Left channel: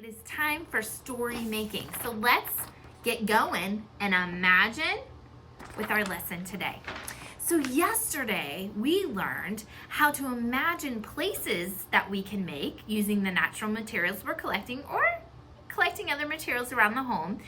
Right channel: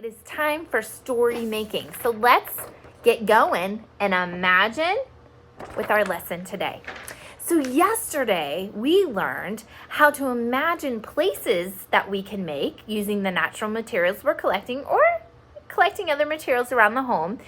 It is time for story making. So let's get going and imagine with our lesson today. So yesterday we learned how to imagine places that we can make using the natural materials we're collecting or collecting other materials around the home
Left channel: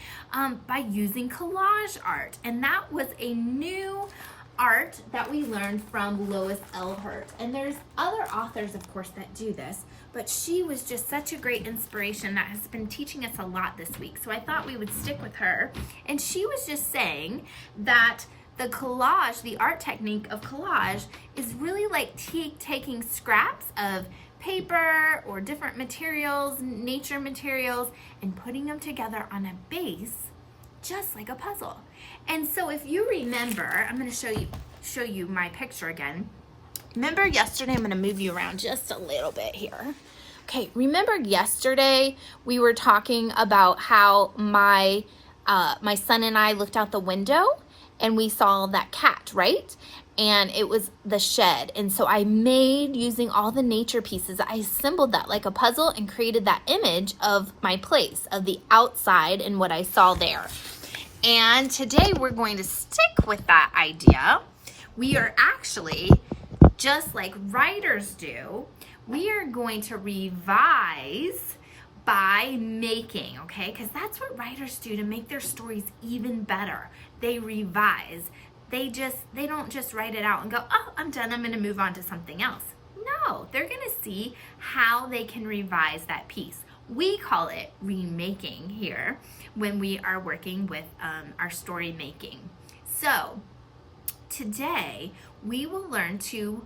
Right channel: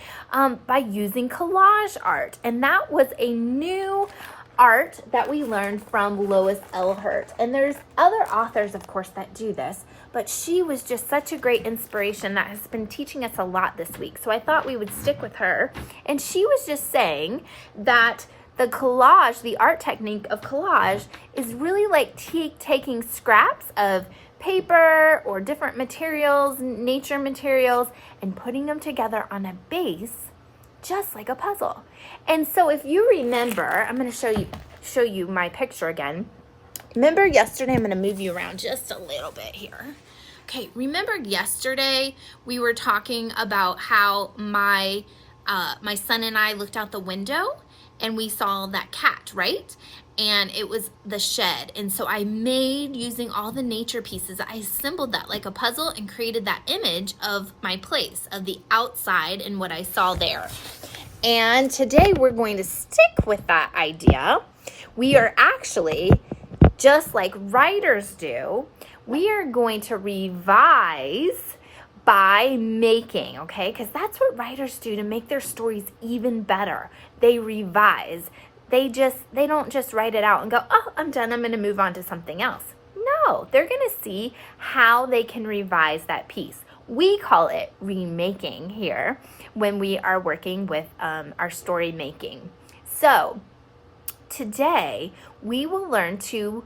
by using collage art. And that was a new art that we learned from Lois Elhert. And there's other authors, of course, that do this, but she was just such a great inspiration that has been teaching us a lot this week. So I thought we would stick with her. And she was just saying that the collage, the art technique of collage, is really like taking scraps of paper or different materials, nature materials, and putting them together on a base, just like a puzzle. And so if you remember, I'm going to show you my picture again. Remember yesterday, I'm going to move you around just a little bit here. Okay, remember yesterday we were talking about how my son and I looked out the window and we saw that cat, right? And it was the shed. And so I made, using all the nature pieces, I assembled that like a puzzle and created that image of my place, of the outside and what I saw there. And today we're going to stick with that idea. We are actually, just like writers do, we are going to revise by making, okay? Because that's what writers do to make their stories even better. They revise. They don't just write it out and go, oh, I'm done, I'm going to move on to something else. No, they're going to see how they can revise that piece. We call it remaking here when we are working with our story making. So today we will learn to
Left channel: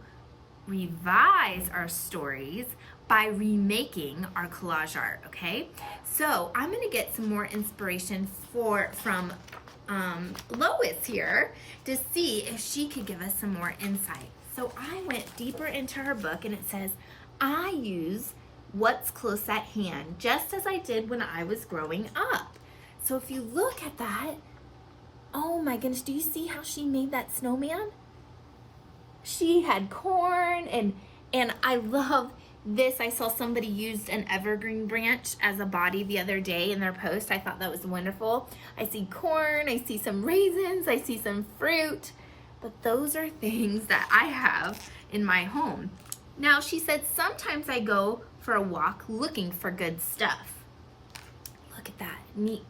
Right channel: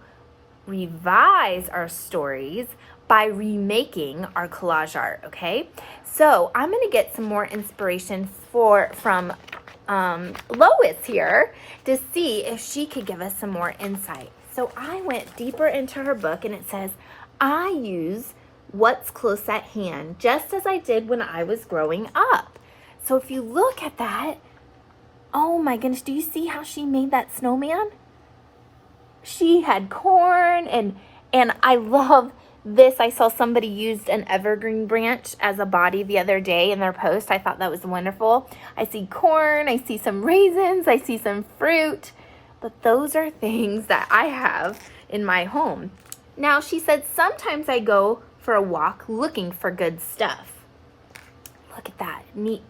revise our stories by remaking our collage art, okay? So I'm going to get some more inspiration from Lois here to see if she could give us some more insight. So I went deeper into her book and it says, I use what's close at hand, just as I did when I was growing up. So if you look at that, oh my goodness, do you see how she made that snowman? She had corn and I love this. I saw somebody used an evergreen branch as a body the other day in their post. I thought that was wonderful. I see corn, I see some raisins, I see some fruit, but those are things that I have in my home. Now, she said, sometimes I go for a walk looking for good stuff. Look at that, neat.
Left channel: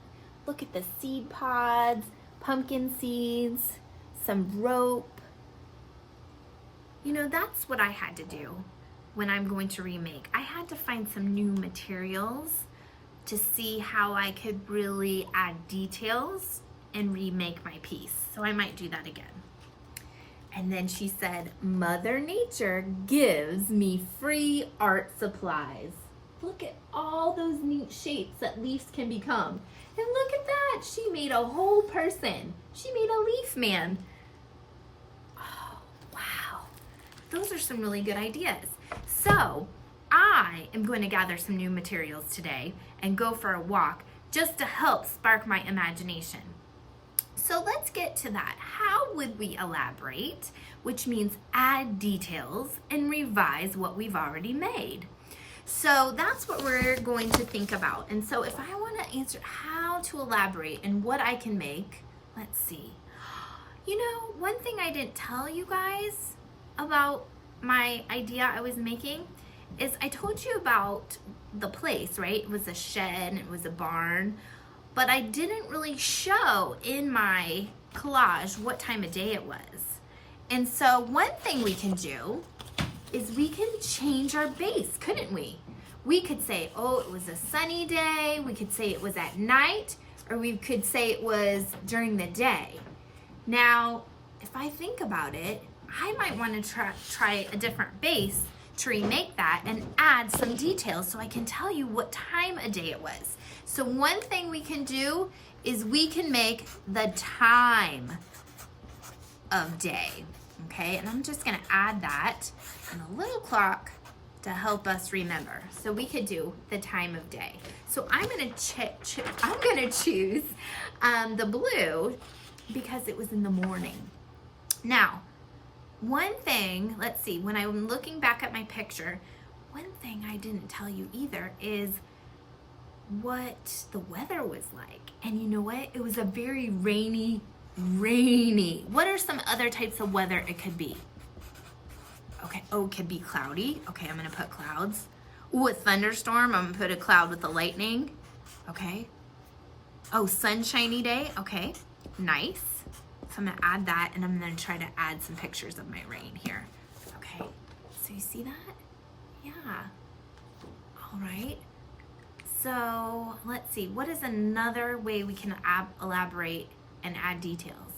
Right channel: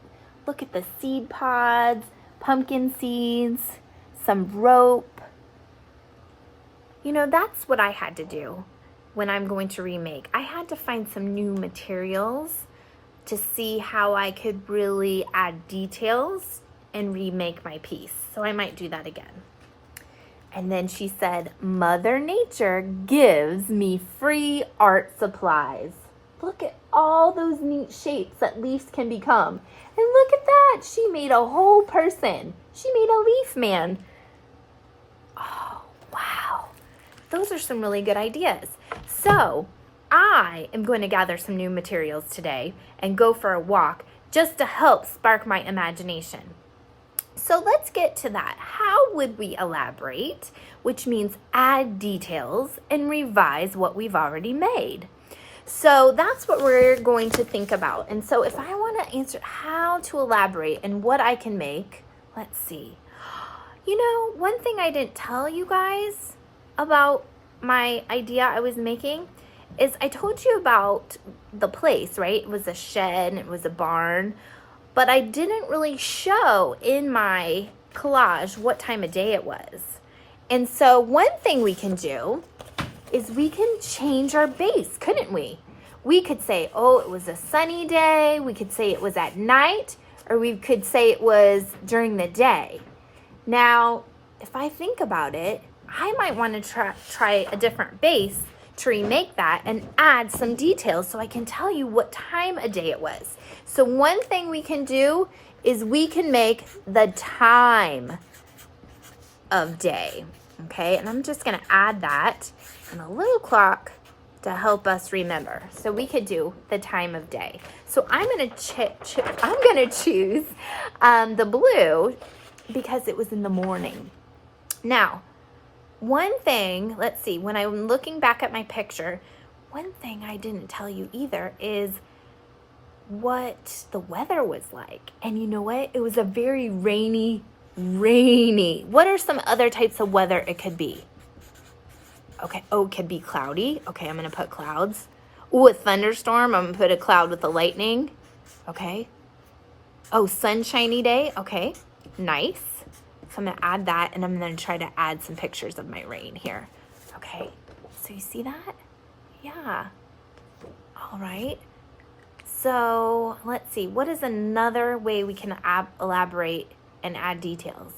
Look at the seed pods, pumpkin seeds, some rope. You know, that's what I had to do when I'm going to remake. I had to find some new materials to see how I could really add details and remake my piece. So I might do that again. And then she said, Mother Nature gives me free art supplies. Look at all those neat shapes that leaves can become. And look at that, she made a whole person. She made a leaf man. Oh, wow. Those are some really good ideas. So I am going to gather some new materials today and go for a walk just to help spark my imagination. So let's get to that. How would we elaborate, which means add details and revise what we've already made? So that's what we're going to think about. And so if I want to answer how to elaborate and what I can make, let's see. You know, one thing I didn't tell you guys about my idea I was making is I told you about the place, right? It was a shed and it was a barn, but I didn't really show in my collage what time of day it was. And so one thing we can do is we can change our base, couldn't we? We could say, oh, it was a sunny day. We could say it was at night, or we could say it was during the day. Now, if I think about it, I might want to try a different base to remake that and add some details so I can tell you what time of day it was. So one thing we can do is we can make the time of day, okay? And I'm just going to add that and a little clock to help us remember. So we could do the time of day. So I'm going to choose the blue because it was in the morning. Now, one thing, let's see, when I'm looking back at my picture, one thing I didn't tell you either is what the weather was like. And you know what? It was a very rainy. What are some other types of weather it could be? Okay, oh, it could be cloudy. Okay, I'm gonna put clouds. Ooh, a thunderstorm. I'm gonna put a cloud with the lightning. Okay. Oh, sunshiny day. Okay, nice. So I'm gonna add that, and I'm gonna try to add some pictures of my rain here. Okay, so you see that? Yeah. All right. So let's see, what is another way we can elaborate and add details?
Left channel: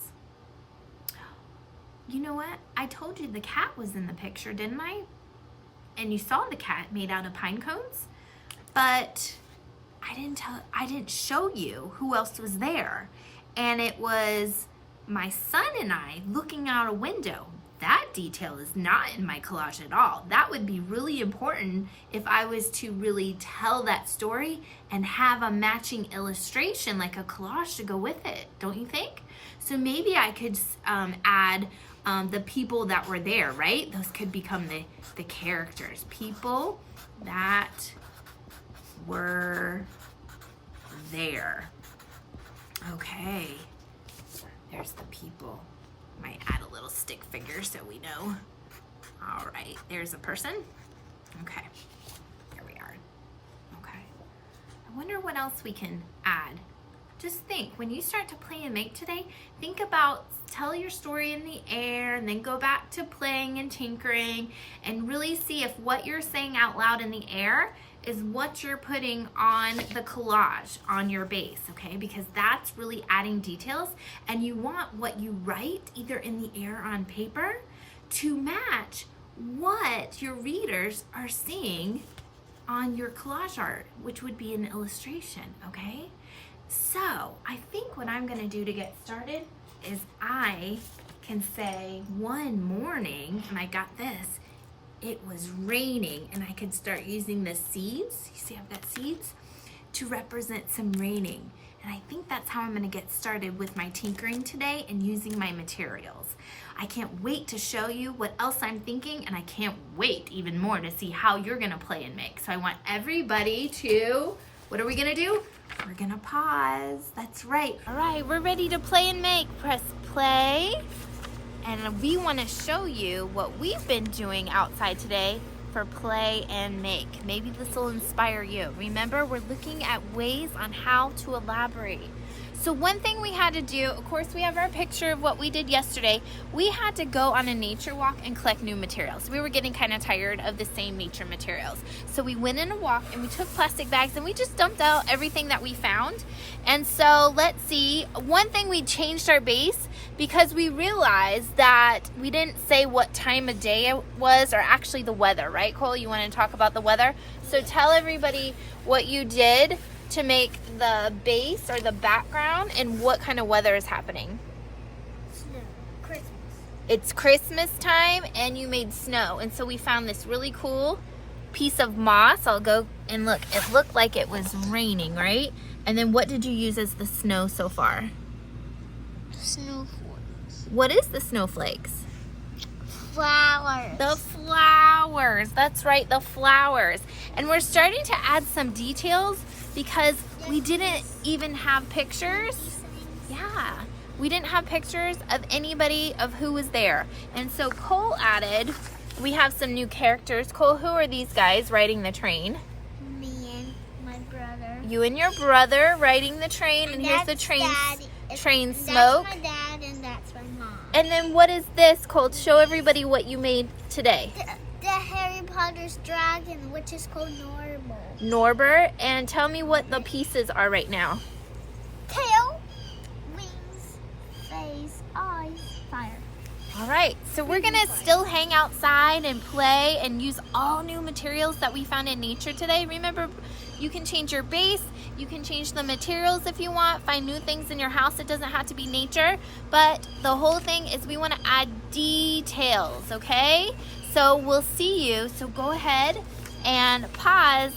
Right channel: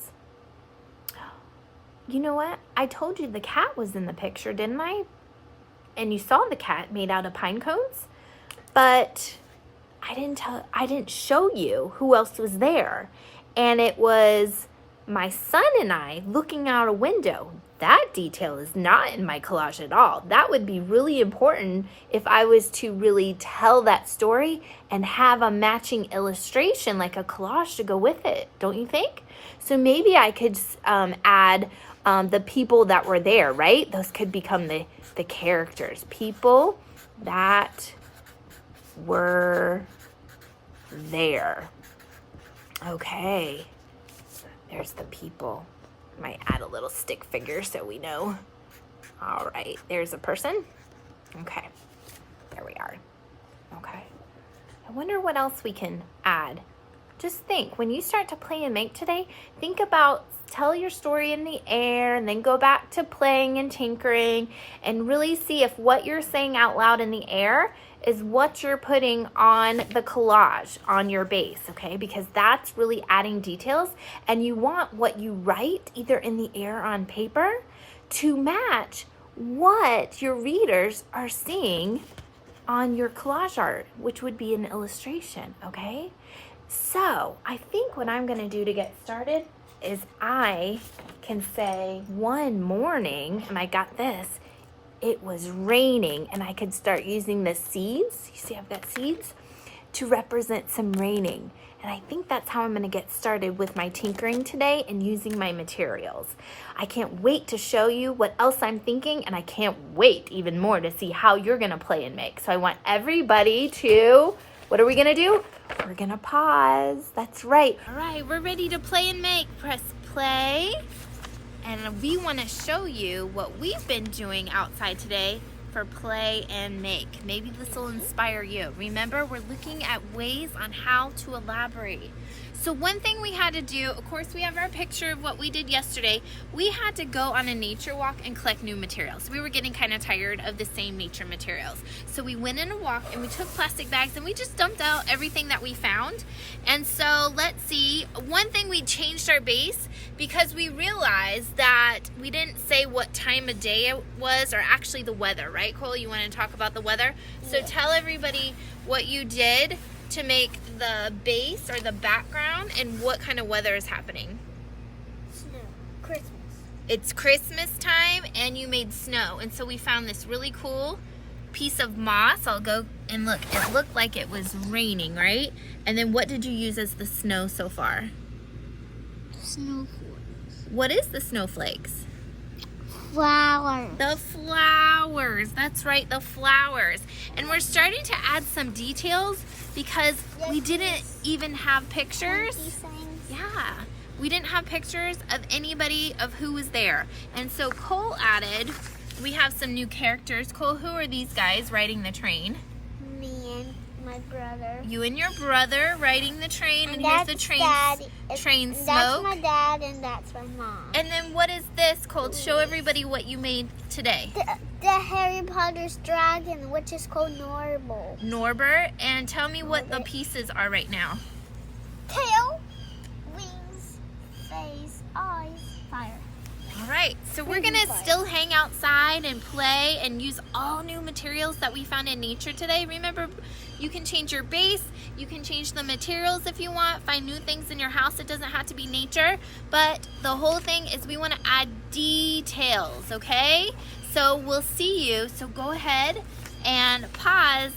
You know what? I told you the cat was in the picture, didn't I? And you saw the cat made out of pine cones, but I didn't show you who else was there. And it was my son and I looking out a window. That detail is not in my collage at all. That would be really important if I was to really tell that story and have a matching illustration, like a collage to go with it, don't you think? So maybe I could add the people that were there, right? Those could become the characters. People that were there. Okay, there's the people. Might add a little stick figure so we know. All right, there's a person. Okay, there we are. Okay, I wonder what else we can add. Just think, when you start to play and make today, think about, tell your story in the air and then go back to playing and tinkering and really see if what you're saying out loud in the air is what you're putting on the collage on your base, okay? Because that's really adding details, and you want what you write either in the air or on paper to match what your readers are seeing on your collage art, which would be an illustration, okay? So I think what I'm gonna do to get started is I can say one morning, and I got this, it was raining, and I could start using the seeds. You see I've got seeds to represent some raining. And I think that's how I'm gonna get started with my tinkering today and using my materials. I can't wait to show you what else I'm thinking, and I can't wait even more to see how you're gonna play and make. So I want everybody to, what are we gonna do? We're gonna pause, that's right. All right, we're ready to play and make. Press play. And we want to show you what we've been doing outside today for play and make. Maybe this will inspire you. Remember, we're looking at ways on how to elaborate. So one thing we had to do, of course, we have our picture of what we did yesterday. We had to go on a nature walk and collect new materials. We were getting kind of tired of the same nature materials. So we went in a walk and we took plastic bags and we just dumped out everything that we found. And so let's see, one thing, we changed our base because we realized that we didn't say what time of day it was, or actually the weather, right, Cole? You want to talk about the weather? So tell everybody what you did to make the base or the background and what kind of weather is happening. Snow. Christmas. It's Christmas time and you made snow. And so we found this really cool piece of moss. I'll go and look. It looked like it was raining, right? And then what did you use as the snow so far? Snowflakes. What is the snowflakes? Flowers. The flowers. That's right, the flowers. And we're starting to add some details because we didn't even have pictures. Yeah, we didn't have pictures of anybody of who was there. And so Cole added, we have some new characters. Cole, who are these guys riding the train? Me and my brother. You and your brother riding the train, and here's the train smoke. That's my dad and that's my mom. And then what is this, Cole? Show everybody what you made today. The Harry Potter's dragon, which is called Norbert. Norbert, and tell me what the pieces are right now. Tail, wings, face, eyes, fire. All right, so we're gonna still hang outside and play and use all new materials that we found in nature today. Remember, you can change your base, you can change the materials if you want, find new things in your house. It doesn't have to be nature, but the whole thing is we wanna add details, okay? So we'll see you, so go ahead and pause.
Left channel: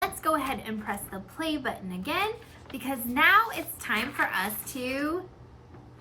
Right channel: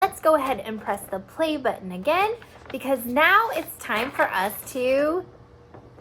Let's go ahead and press the play button again, because now it's time for us to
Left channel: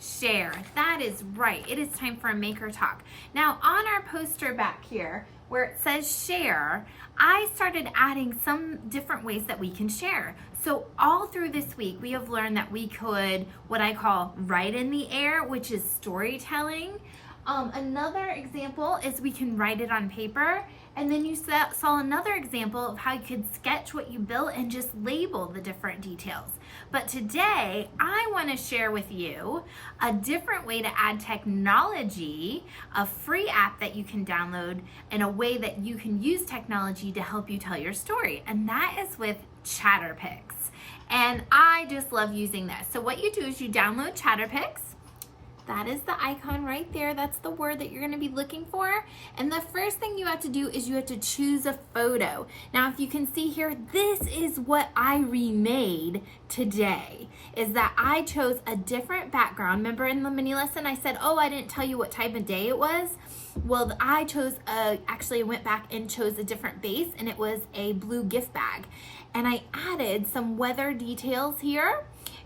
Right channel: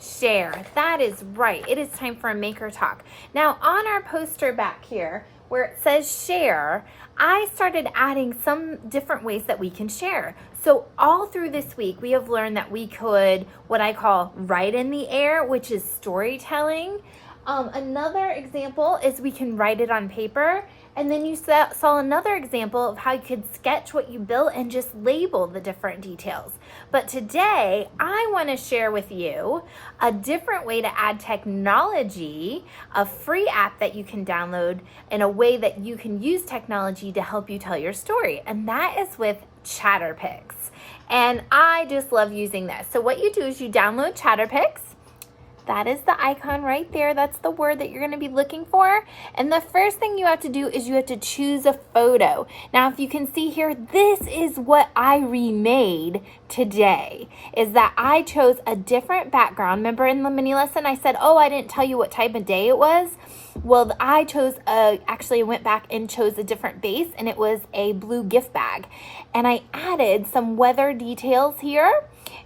share. That is right. It is time for a maker talk. Now on our poster back here, where it says share, I started adding some different ways that we can share. So all through this week, we have learned that we could, what I call write in the air, which is storytelling. Another example is we can write it on paper. And then you saw another example of how you could sketch what you built and just label the different details. But today, I want to share with you a different way to add technology, a free app that you can download, in a way that you can use technology to help you tell your story. And that is with ChatterPix. And I just love using this. So what you do is you download ChatterPix. That is the icon right there. That's the word that you're going to be looking for. And the first thing you have to do is you have to choose a photo. Now, if you can see here, this is what I remade today, is that I chose a different background. Remember in the mini lesson, I said, oh, I didn't tell you what type of day it was. Well, I chose, actually went back and chose a different base, and it was a blue gift bag. And I added some weather details here,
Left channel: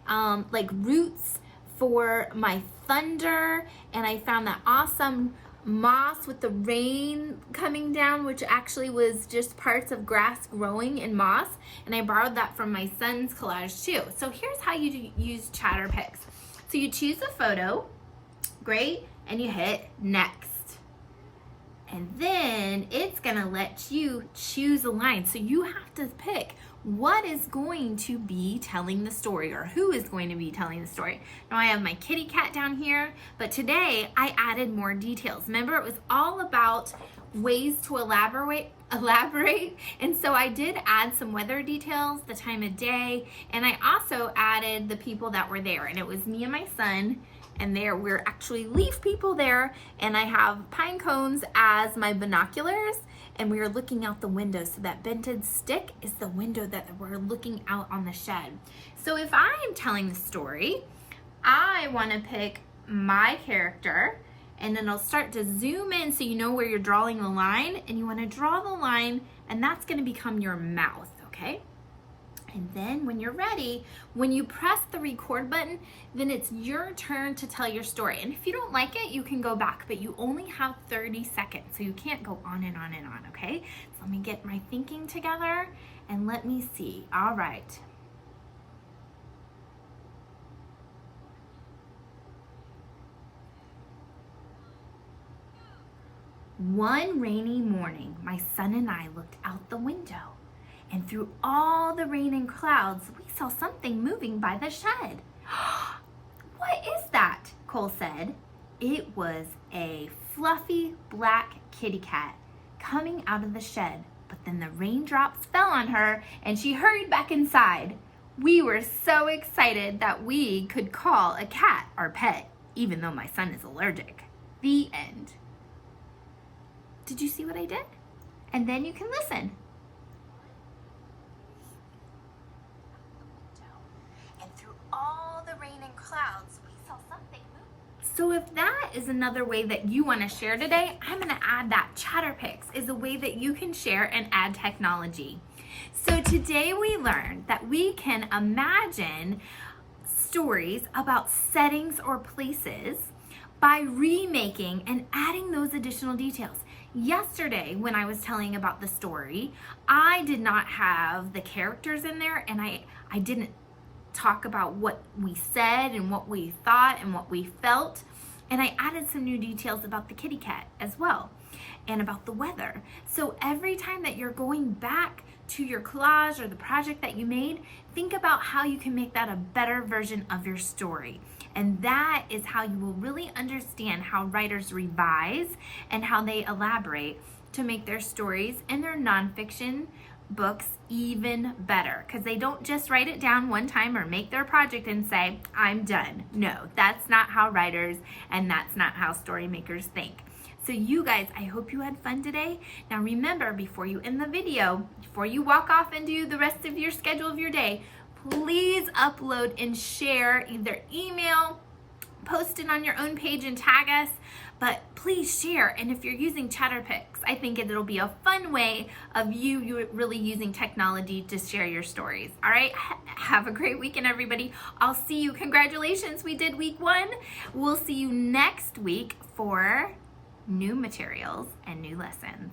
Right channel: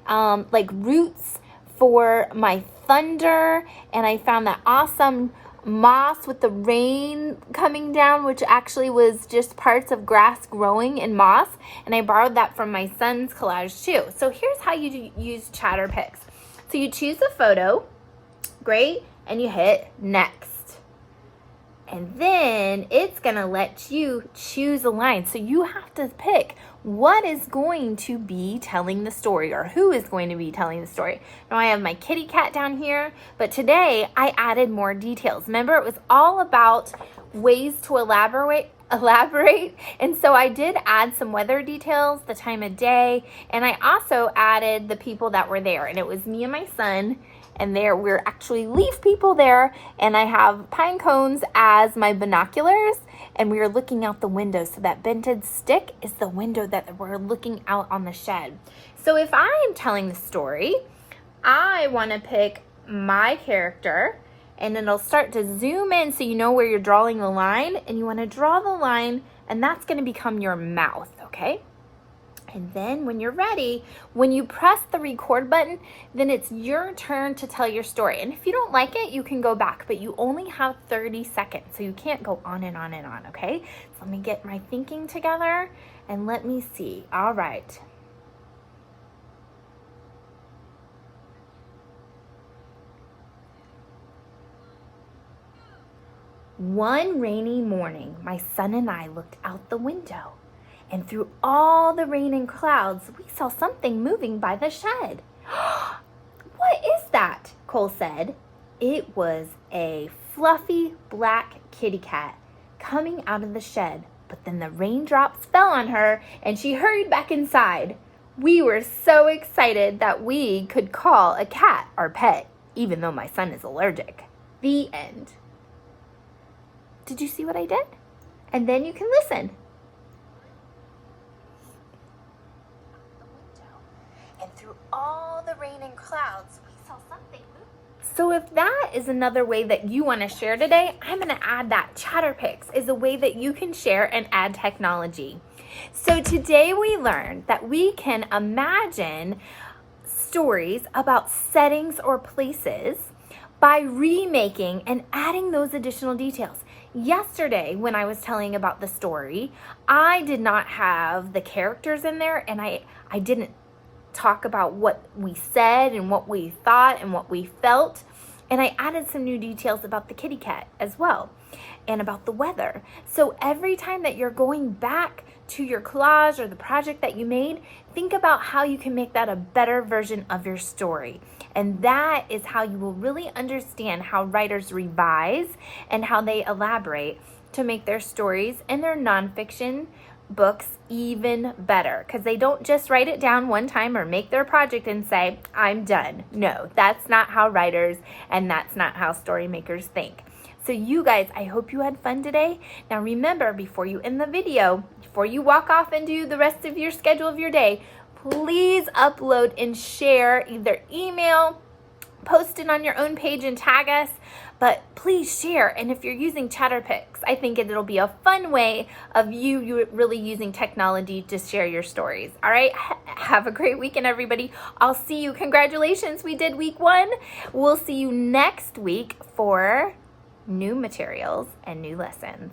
like roots for my thunder, and I found that awesome moss with the rain coming down, which actually was just parts of grass growing in moss, and I borrowed that from my son's collage too. So here's how you use ChatterPix. So you choose a photo, great, and you hit next. And then it's gonna let you choose a line. So you have to pick what is going to be telling the story, or who is going to be telling the story. Now I have my kitty cat down here, but today I added more details. Remember, it was all about ways to elaborate, and so I did add some weather details, the time of day, and I also added the people that were there, and it was me and my son, and there we're actually leaf people there, and I have pine cones as my binoculars, and we are looking out the window. So that bented stick is the window that we're looking out on the shed. So if I am telling the story, I want to pick my character, and it'll start to zoom in so you know where you're drawing the line, and you want to draw the line, and that's going to become your mouth, okay? And then when you're ready, when you press the record button, then it's your turn to tell your story. And if you don't like it, you can go back, but you only have 30 seconds, so you can't go on and on and on, okay? So let me get my thinking together, and let me see. All right. One rainy morning, my son and I looked out the window, and through all the rain and clouds, we saw something moving by the shed. What is that? Cole said. It was a fluffy black kitty cat coming out of the shed, but then the raindrops fell on her and she hurried back inside. We were so excited that we could call a cat our pet, even though my son is allergic. The end. Did you see what I did? And then you can listen. And through all the rain and clouds, we saw something move. So if that is another way that you want to share today, I'm going to add that. ChatterPix is a way that you can share and add technology. So today we learned that we can imagine stories about settings or places by remaking and adding those additional details. Yesterday, when I was telling about the story, I did not have the characters in there, and I didn't talk about what we said and what we thought and what we felt. And I added some new details about the kitty cat as well, and about the weather. So every time that you're going back to your collage or the project that you made, think about how you can make that a better version of your story. And that is how you will really understand how writers revise and how they elaborate to make their stories and their nonfiction books even better. Because they don't just write it down one time or make their project and say, I'm done. No, that's not how writers and that's not how story makers think. So you guys, I hope you had fun today. Now remember, before you end the video, before you walk off and do the rest of your schedule of your day, please upload and share, either email, post it on your own page and tag us, but please share. And if you're using ChatterPix, I think it'll be a fun way of you really using technology to share your stories. All right, have a great weekend, everybody. I'll see you. Congratulations, we did week 1. We'll see you next week for new materials and new lessons.